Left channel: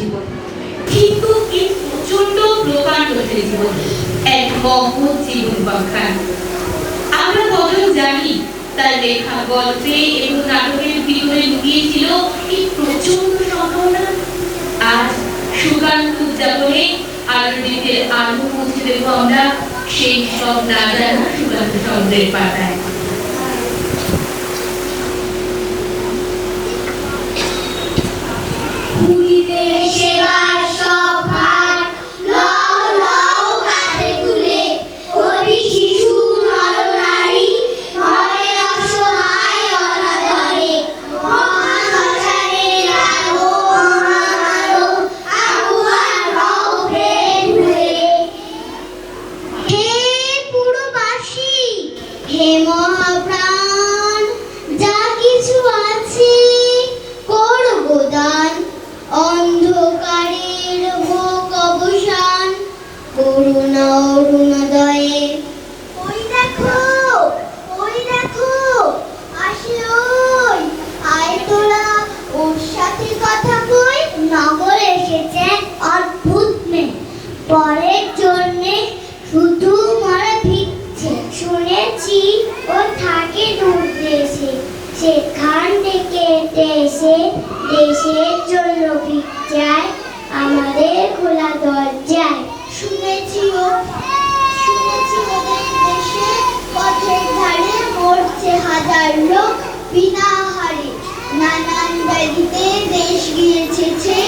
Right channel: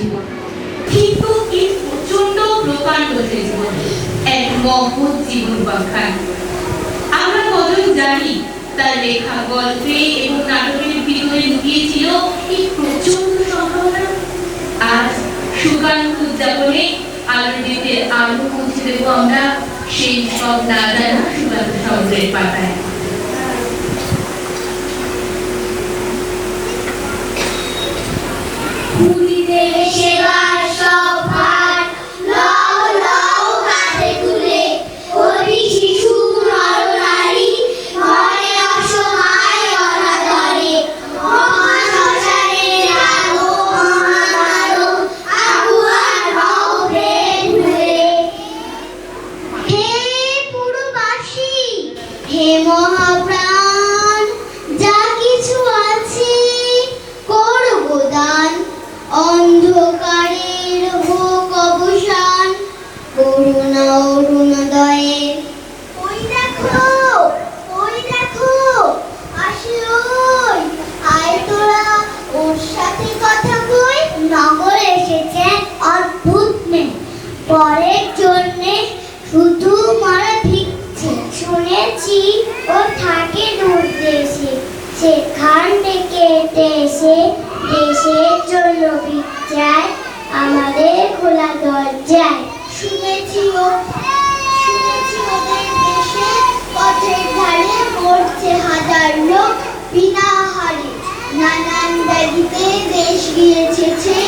জীবন, কিন্তু এই প্রচন্ড প্রকাণ্ড জীবন এক মহৎ জীবন বখান। আমরা কজন জানি তার লেখা গল্পে এবং নাটকের ভিতরে লুকিয়েছিল এই প্রচন্ড সম্ভাবনা। আজ সুকান্ত উদযাপনে আলোর আলো পৌঁছে দেবো আমরা সেই সব না জানা সুকান্ত শব্দের পাতায়। সেখান থেকে দেশের জন্য ভিক্ষায় আমাদের খোলা দরজায়। শুনেছি ওদের দেশে পথের ধারে মরছে হাজার লোক বিনা হারে, নানান ব্যাধিতে দেশ গিয়েছে,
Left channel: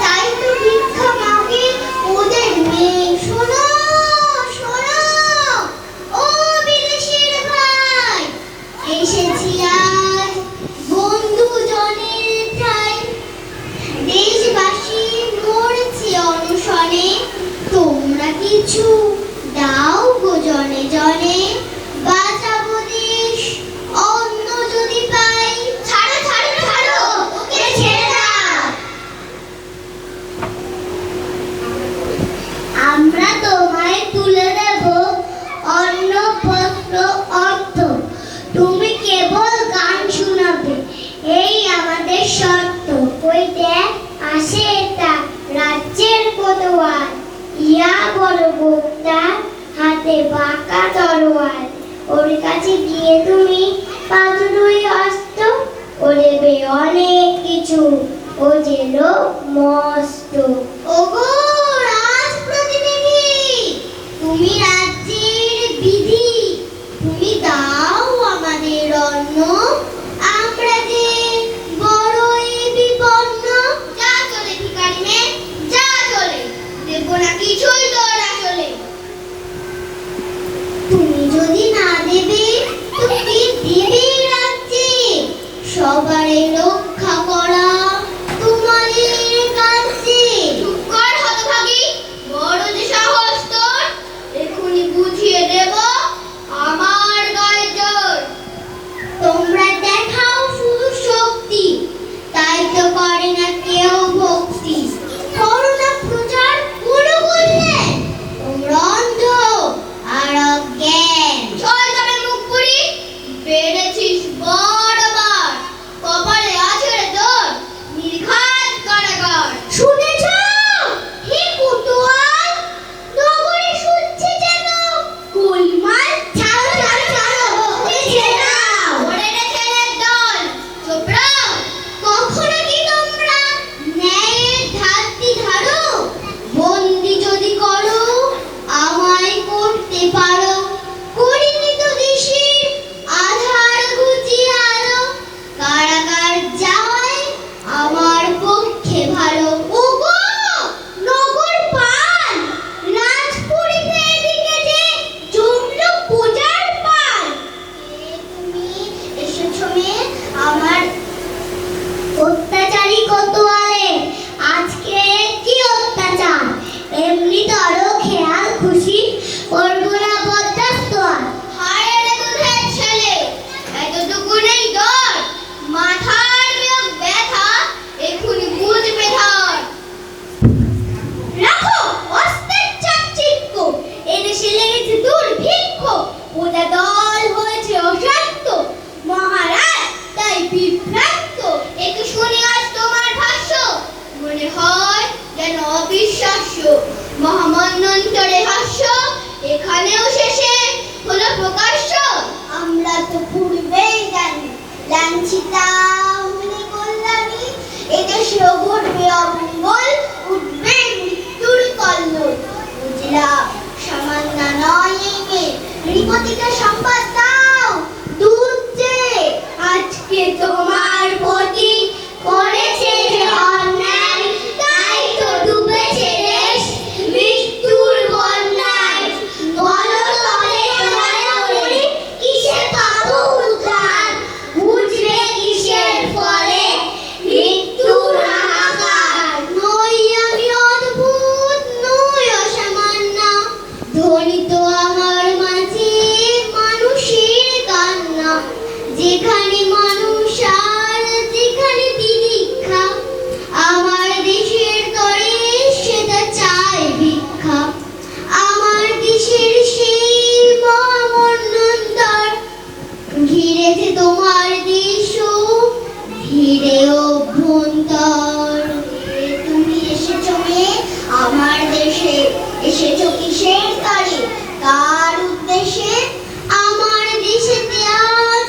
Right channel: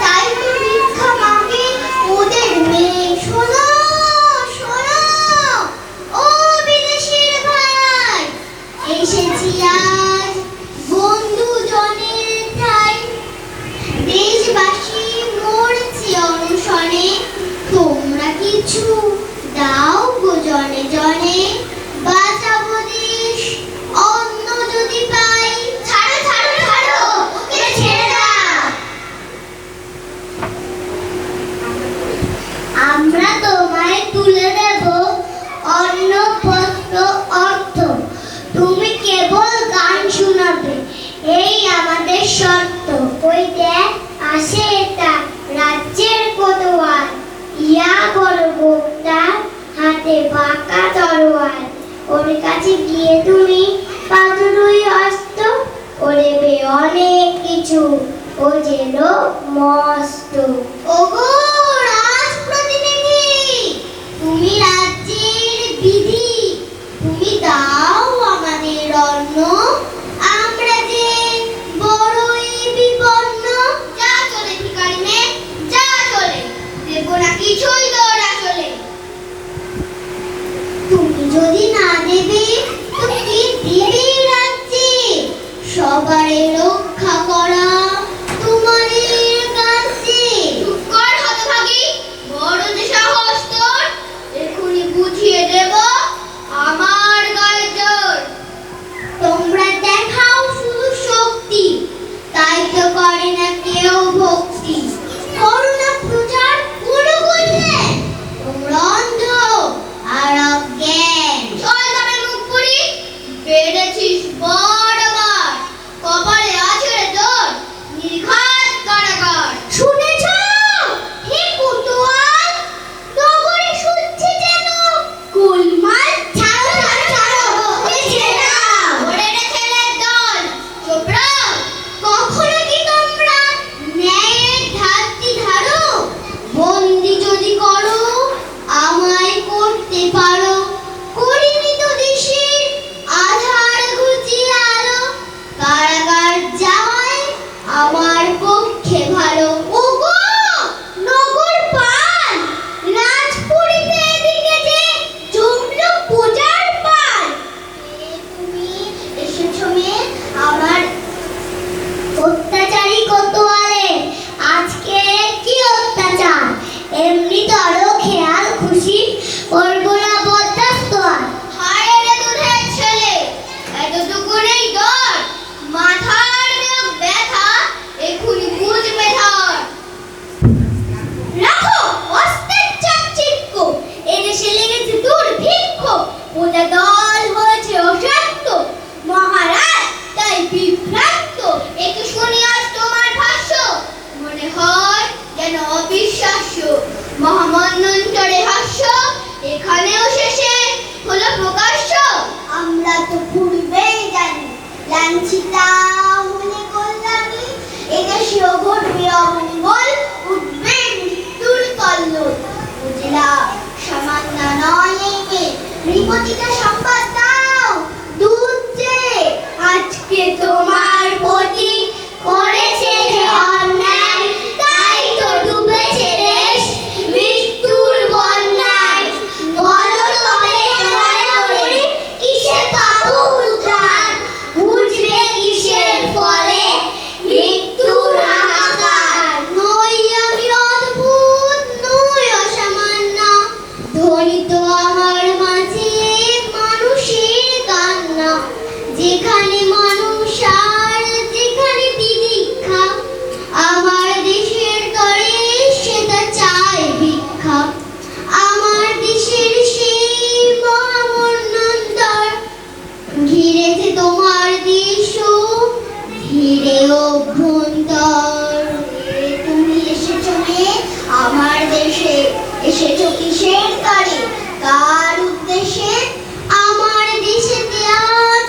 তাই তো ভিক্ষা মাগে ওদের মেয়ে। শোনো শোনো ও বিদেশির ভাই, এসেছি আজ বন্ধু জনের ঠাই। দেশবাসী মরছে অনশনে, তোমরা কিছু দাও গো জনে জনে। বাঁচাবো দেশ অন্য যদি পাই। ছাড়ো ছাড়ো ছাড়ো, ওকে ছেড়ে দাও। আমরা তোমায় তুলে দেব অন্য পত্র অর্থ, তুমি কেবল গান শোনাবে, এই আমাদের শর্ত। ওই দেখ আসে এটা রাজ্যের কোতোয়াল, ইয়া বড় বক্তা, হাতে বাঁকা তরোয়াল। ওর কাছে গিয়ে তুমি পাবে দুই অস্ত্র, ও দেবে অনেক কিছু, ও যে লোক মস্ত। ওগো রাজপ্রতিনিধি, তুমি রাজ্যের বিধি, তুমি দাও আমাদের অন্ন, আমরা যে বড়ই বিপন্ন। যা চলে ভিখারি নে, যা চলে, দেবো না কিছুই তোর আসলে। তুমি যদি না দেবে তো কি দিবে রাজ্যে? সবারে রক্ষা করা তোমাদের কাছে। চুপ কর হতভাগী, বড় যে সাহস তোর, এখনই বুঝিয়ে দেব আমার গায়ে জোর। তোমরা দেখাও শুধু শক্তি, তাই তো করে না কেউ ভক্তি। করো না প্রচার কোনো বললে, তোমরা অন্ধ আর অজ্ঞান। চল তবে মুখ পুরি, বেড়েছিস বড়বার, কপালে আছে রে তোর নির্ঘাত কারাগার। শুনেছ হে কোতোয়াল, নগরে শুনছে যেন গোলমাল। ছাড়ো ছাড়ো ছাড়ো, ওকে ছেড়ে দাও। ওরে রে ছেলের দল, চোপড়া, কখনো কি তোমরা ন্যায়ের ধাত্তি ধারো? বন্দি যদি করো আমায় করতে পারো, করিনি তো দেশের আধার ঘুচিয়ে আলো। কারাগার যাওয়ায় আমার পক্ষে ভালো। ওগো নগর পাল, রাজপুরীতে এদিকে যে জমল পূজার পাল। তুমি এসেছো মেয়ে আমার অত্যাচারী কোতোয়ালে, আজকে কি অত্যাচার? এমনি তরো খেয়াল খুশি করবো না বরদাস্ত আর। হায় রে দুধের ছেলে, এতটুকু নেই ডর, মাথার ব্যথা এখনই বুঝবে ধর। রাখো অস্ত্রের চাকচিক্য, এদেশে লেগেছে দুর্ভিক্ষ, ওটা দল হয়েছে অশান্ত, মহারাজ তাই বিভ্রান্ত। একে শুনিয়া মন্বন্তরে হাস্য এখানেও শেষে হলো প্রকাশ্য। আমরা তো পূর্বেই জানি লাঞ্ছিতা হলে কল্যাণী, এদেশে ঘটবে অমঙ্গল, উঠবে মৃত্যুর কল্লোল। বুঝলাম সামান্য নয় এই মেয়ে, রিপতিটা সংবাদ দাও দুধ যে আজকে তোমার প্রতি করেছে যে অন্যায়, তাই তো ডুবেছে দেশ মৃত্যুর বন্যায়। বলো তবে দয়া করে কিসে পাবো উদ্ধার, বুঝবে কিসের ফলে মৃত্যুর হাহাকার। নই আমি অদ্ভুত, নই অসামান্য, ধ্বনি তো আমার মাঝে মানুষের কান্না। যেখানে মানুষ আর যেখানে তিতিক্ষা, আমার দেশের তরে সেটা চায় ভিক্ষা। আমার দেশের সেই মহামন্বন্তর ঘিরেছে তোমার দেশ ঘিরে অভ্যন্তর। তুমি এসেছো মেয়ে আমার দেশে, এসেছো কিসের তরে কার উদ্দেশ্যে? আমার দেশেতে আজ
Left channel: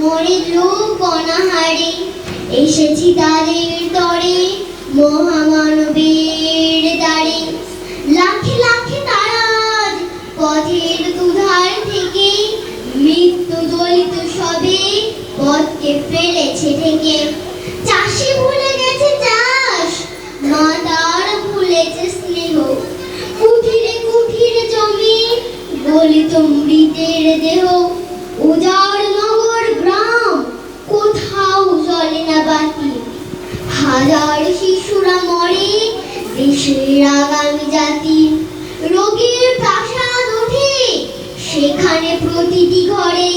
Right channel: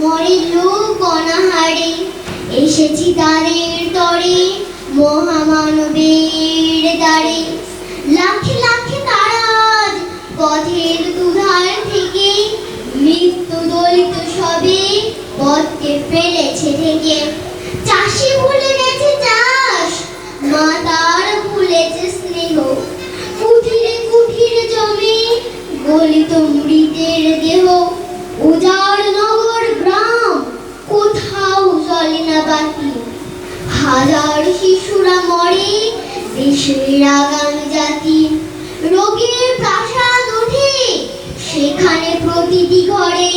মরে লোক অনাহারে, এসেছি তাদের তরে মহামানবের দ্বারে। লাখে লাখে তারা আজ পথের দুধার থেকে মৃত্যু দলিত সবে পথকে ফেলেছে থেকে। চাষি ভুলে গেছে চাষ, মা তার ভুলেছে স্নেহ, কুঠিরে কুঠিরে জমি গলিত মৃতের দেহ। উজাড় নগর গ্রাম কোথাও জ্বলে না বাতি, হাজার শিশুরা মরে দেশের আগামী জাতি। রোগীর প্রাসাদ ওঠে সেখানে প্রতিটি ঘরে,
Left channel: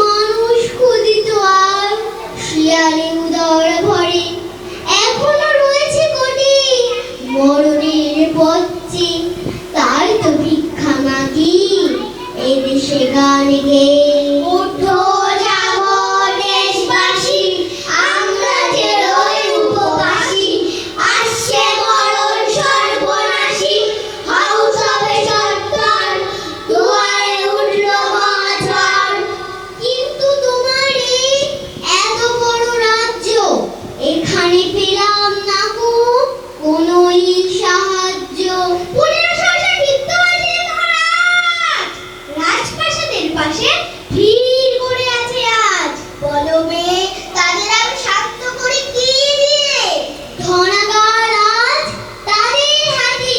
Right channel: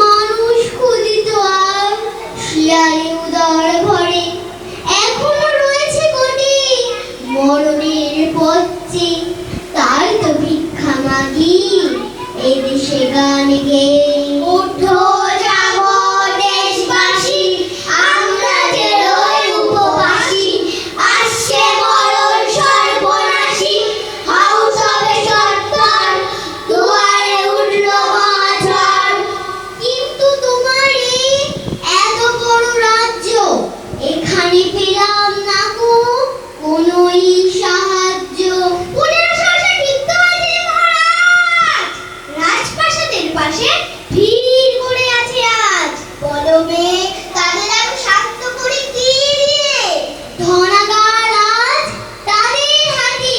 মানুষ ক্ষুদিত আর শিয়ালে উদর ভরে। এখনো রয়েছে কোটি মরণের পথে, তাই তো ভিক্ষা মাগি এদেশে গান গেয়ে। উঠো জাগো দেশবাসী, আমরা যে রই উপবাসী, আসছে মরণ সর্বনাশী, হাউস হবে সত্তর, দুয়ারে উঠলো মহাঝড়। কিন্তু তোমার এই এত বড় রাজ্য, এখানে পেলাম না গো কোনোই সাহায্য। পুলিশ সহসা ক্ষিপ্ত হয়েছে মহারাজ, রাজপ্রাসাদের পাশে ভিড় করে আছে আজ। বলো মেয়ে তাদের আমি শান্ত করে কি দিয়ে? ধনাগার আজ তাদের হাতে,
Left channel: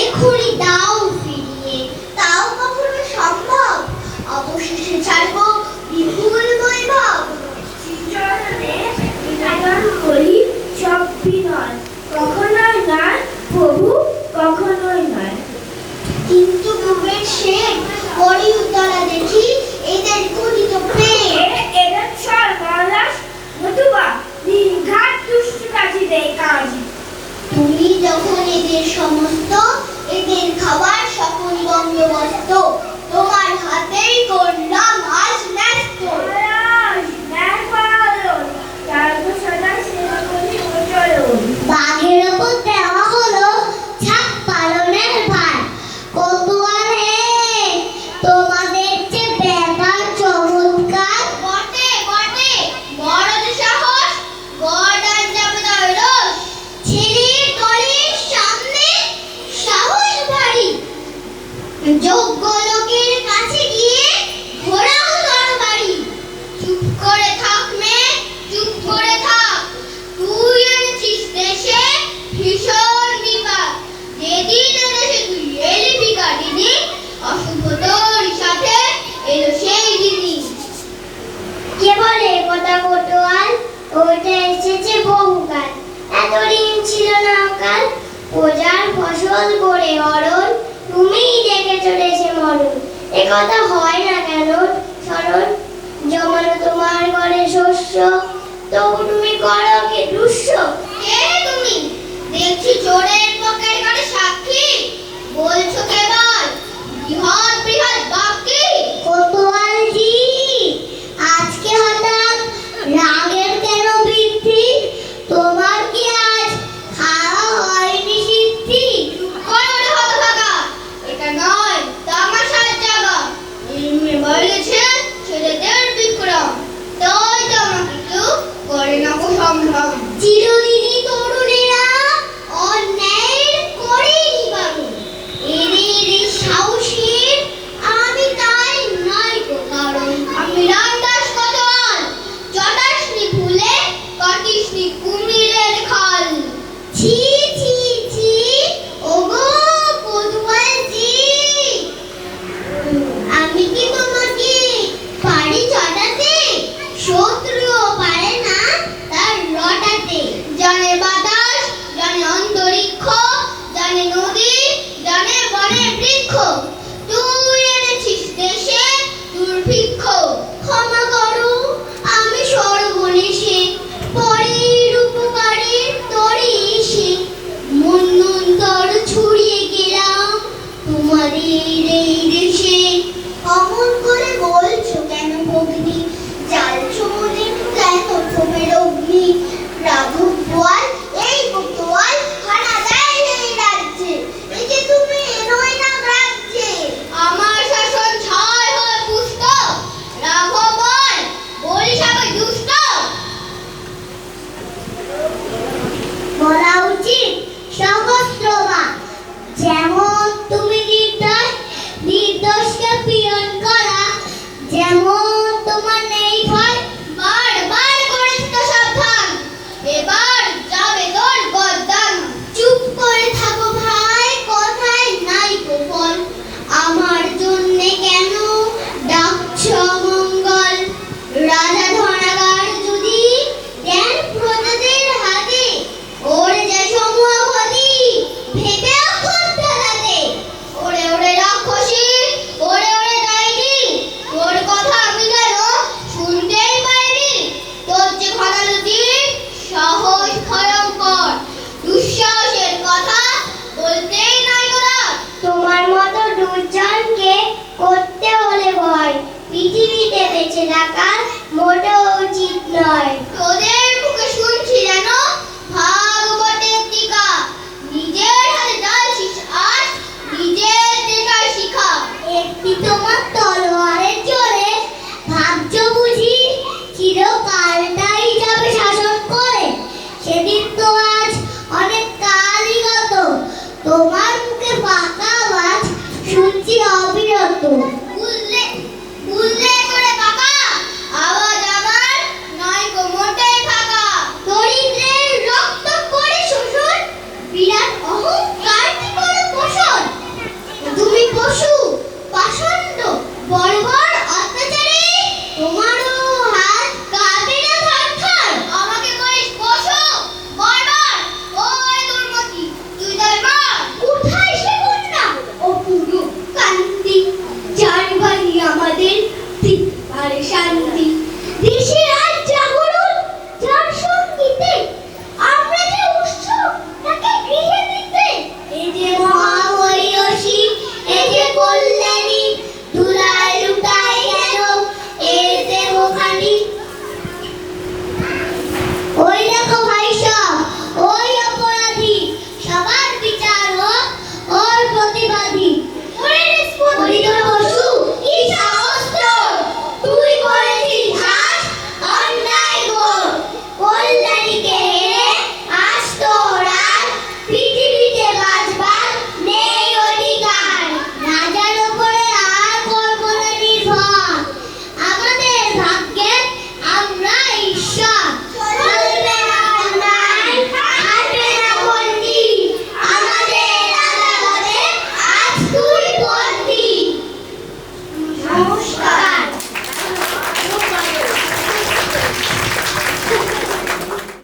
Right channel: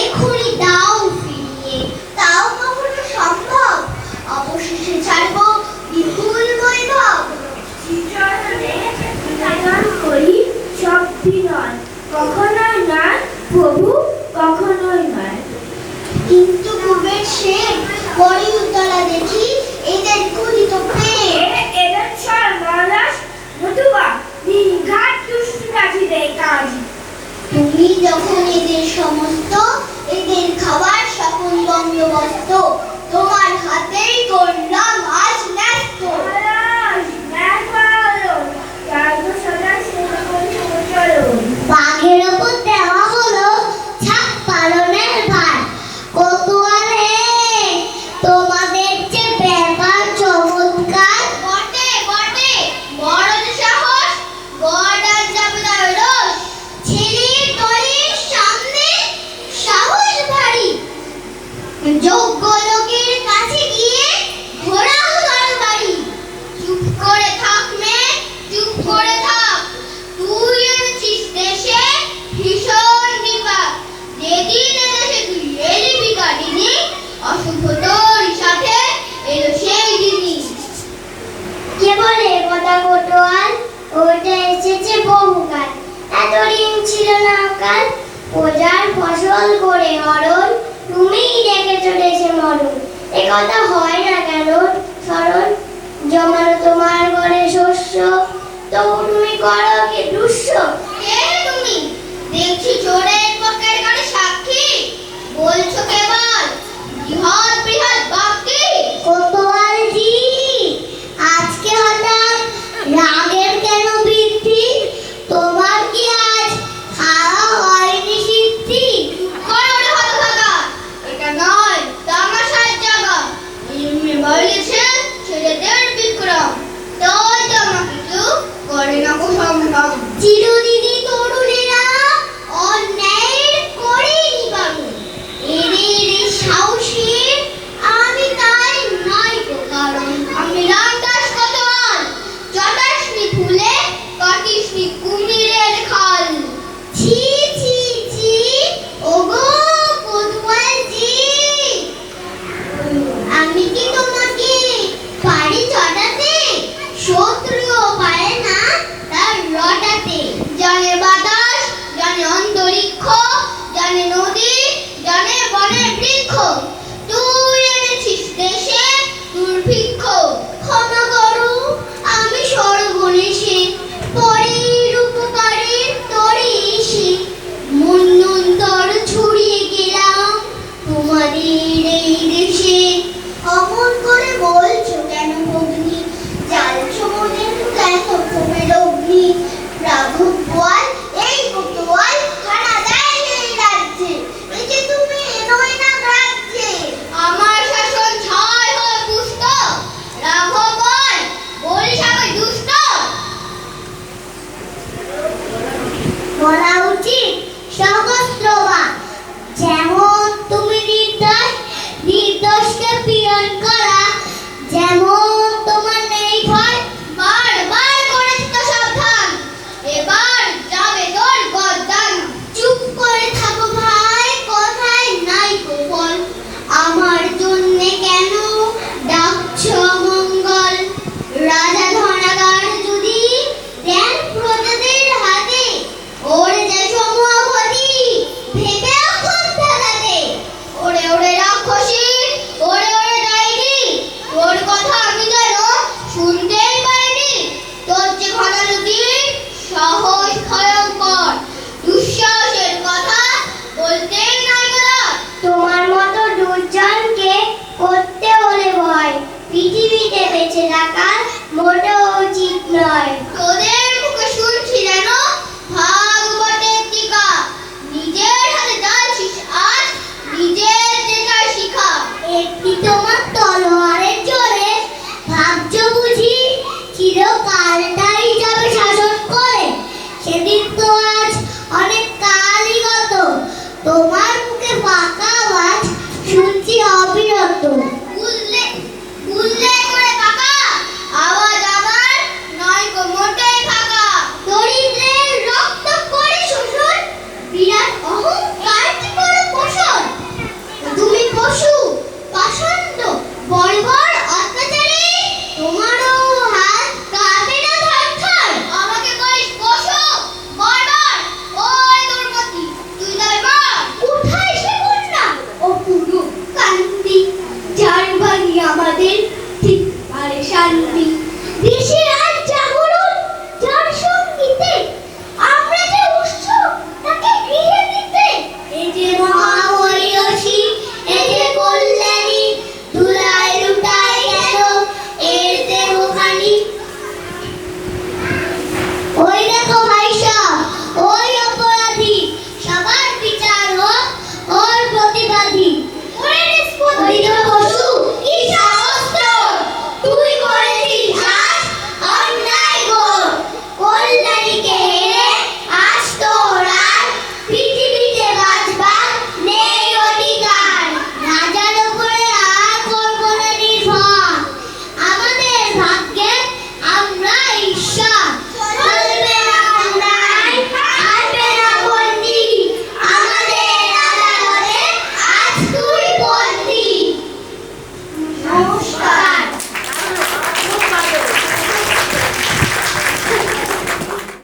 এখনই দাও ফিরিয়ে। তাও কখনো সম্ভব? অবশেষে ছাড়বো বিপুল বৈভব। কখনোই নয় প্রভু, কখনোই নয়। কিন্তু কুবের শেখ বড়ি উত্তরা দেখি এদের কুড়িত পেয়ে। এদের ছল মহারাজ, নতুবা নির্ঘাত দুষ্টকারীদের কাজ। তুমি যখন এদের সমস্ত এদের খাবার সকল বন্দোবস্ত তোমার হাতেই করলাম আজ ন্যস্ত। মহারাজ ন্যায় করা হলো, তার তো সদা সেবা করে চলো। বাঘের ওপর দেওয়া হলো ছাপ পালনের ভার। কোতোয়ালে তোমাদের যে ব্যাপার চমৎকার। বটে বটে, বড় যে সাহস, বড় আর যাবে তার রোষ। ছেলের দলের সামনে সাহস ভারী, যোগ্য লোকের কাছে গিয়ে ঘোরাও তরবারি। চুপ করে থাক মেয়ে, চুপ করে থাক, তুই এনেছিস দেশে ভীষণ বিপদ। যেদিন এদেশে তুই এলি ভিখারিনী, অশুভ তোর সাথে এলো সেই দিনই। কে বলে কথা কোটোয়াল, ওটা এসেছে বহুকাল, এত ঋণ ছিল না কাল। প্রজার ফসল করে হরণ, তুমিই ডেকে চলেছে মরণ। এ কথা হয় না কেন স্মরণ, জমানো তোমার ঘরে শস্য, তো তুমি করো কি দুষ্ট? কে তুমি? দেখছি চোরের পকের ঘরে সাক্ষী, বলছো কেবল বৃহৎ বৃহৎ বাক্যে। কোতোয়ালজি আজকে হঠাৎ রাগের কেন বৃদ্ধি? তোমার কি আজ খাওয়া হয়নি সিদ্ধি? করো হতভাগা সম্ভ্রম। চিরদিনই তরুণেরা অন্যায়ের করেই নিবারণ। এদের এই সাহসের আমি তাই নাই তো কারণ। আমি রামদাস কতল, জটাশনি ফুলে কাটিসনি কুমিরের খাল। ছি ছি ছি, ওগো কোতোয়ালজি, আমি কি তোমাকে পারি চটাতে? শত্রুও পারে না তার রটাতে। জানে বাতাস, জানে অন্তরিক্ষ, জানে নদী, জানে বনের বৃক্ষ। তুই এনেছিস দেশে দুর্ভিক্ষ। ক্ষমা করো, আমি সর্বনেশে পরের উপকারে তরে এসে মন্বন্তর ছড়িয়ে গেলাম তোমাদের এই দেশে। অমন করে বলছো কেন ভগ্নি? জ্বালছো মনে কেন তোমার অগ্নি? রাঘব বোয়াল এই কোতোয়াল হানা দেয় এই রাজ্যে। এই যে তুমি এনোই না রাজ্যে। আমার শাসন ছয় হয় পুষ্ট, রাঘব বল বরিশাকে দুষ্ট। বলা উচিত সহস্রবার, যেমন তুমি নির্দোষকে পীড়ন করা, যেমন তোমার নেই ভয়। বারবার করেছি তো সাবধান, এবার যাবে তোর গর্দান। চুপ করে থাকো ভাই, কথায় নাই তো ফল। আমার জন্যে কেন ডাকছো অমঙ্গল? রাজা ধনাগার যদি দেন প্রজাদের হাতে, ওরে যায় সমূহপতি ভেবে অক্ষম ফেলাতে। ওরে ওরে রাক্ষসী, ওরে ওরে ডাইনি, তোর কথা আমি যেন শুনতেই পাইনি। তোর যে ঘনানদী সাহস ভয়ঙ্কর, দুঃসাহসের কথা বলতেই নাই তোরা। তোমার মতো দুর্জনকে করতে হলে ভয়, পৃথিবীতে বেঁচে থাকা মোটেও উচিত নয়। তোদের মুখে শুনছি যেন ভাগবতের টিকা, নিজের হাতে জ্বালছিস আজ নিজের টেকার শিখা। একটি তোমার তলোয়ারের জোরে ভাবছো বুঝি চিরকালটাই যাবে শাসন করে? সেদিন তো আজ অনেক কাল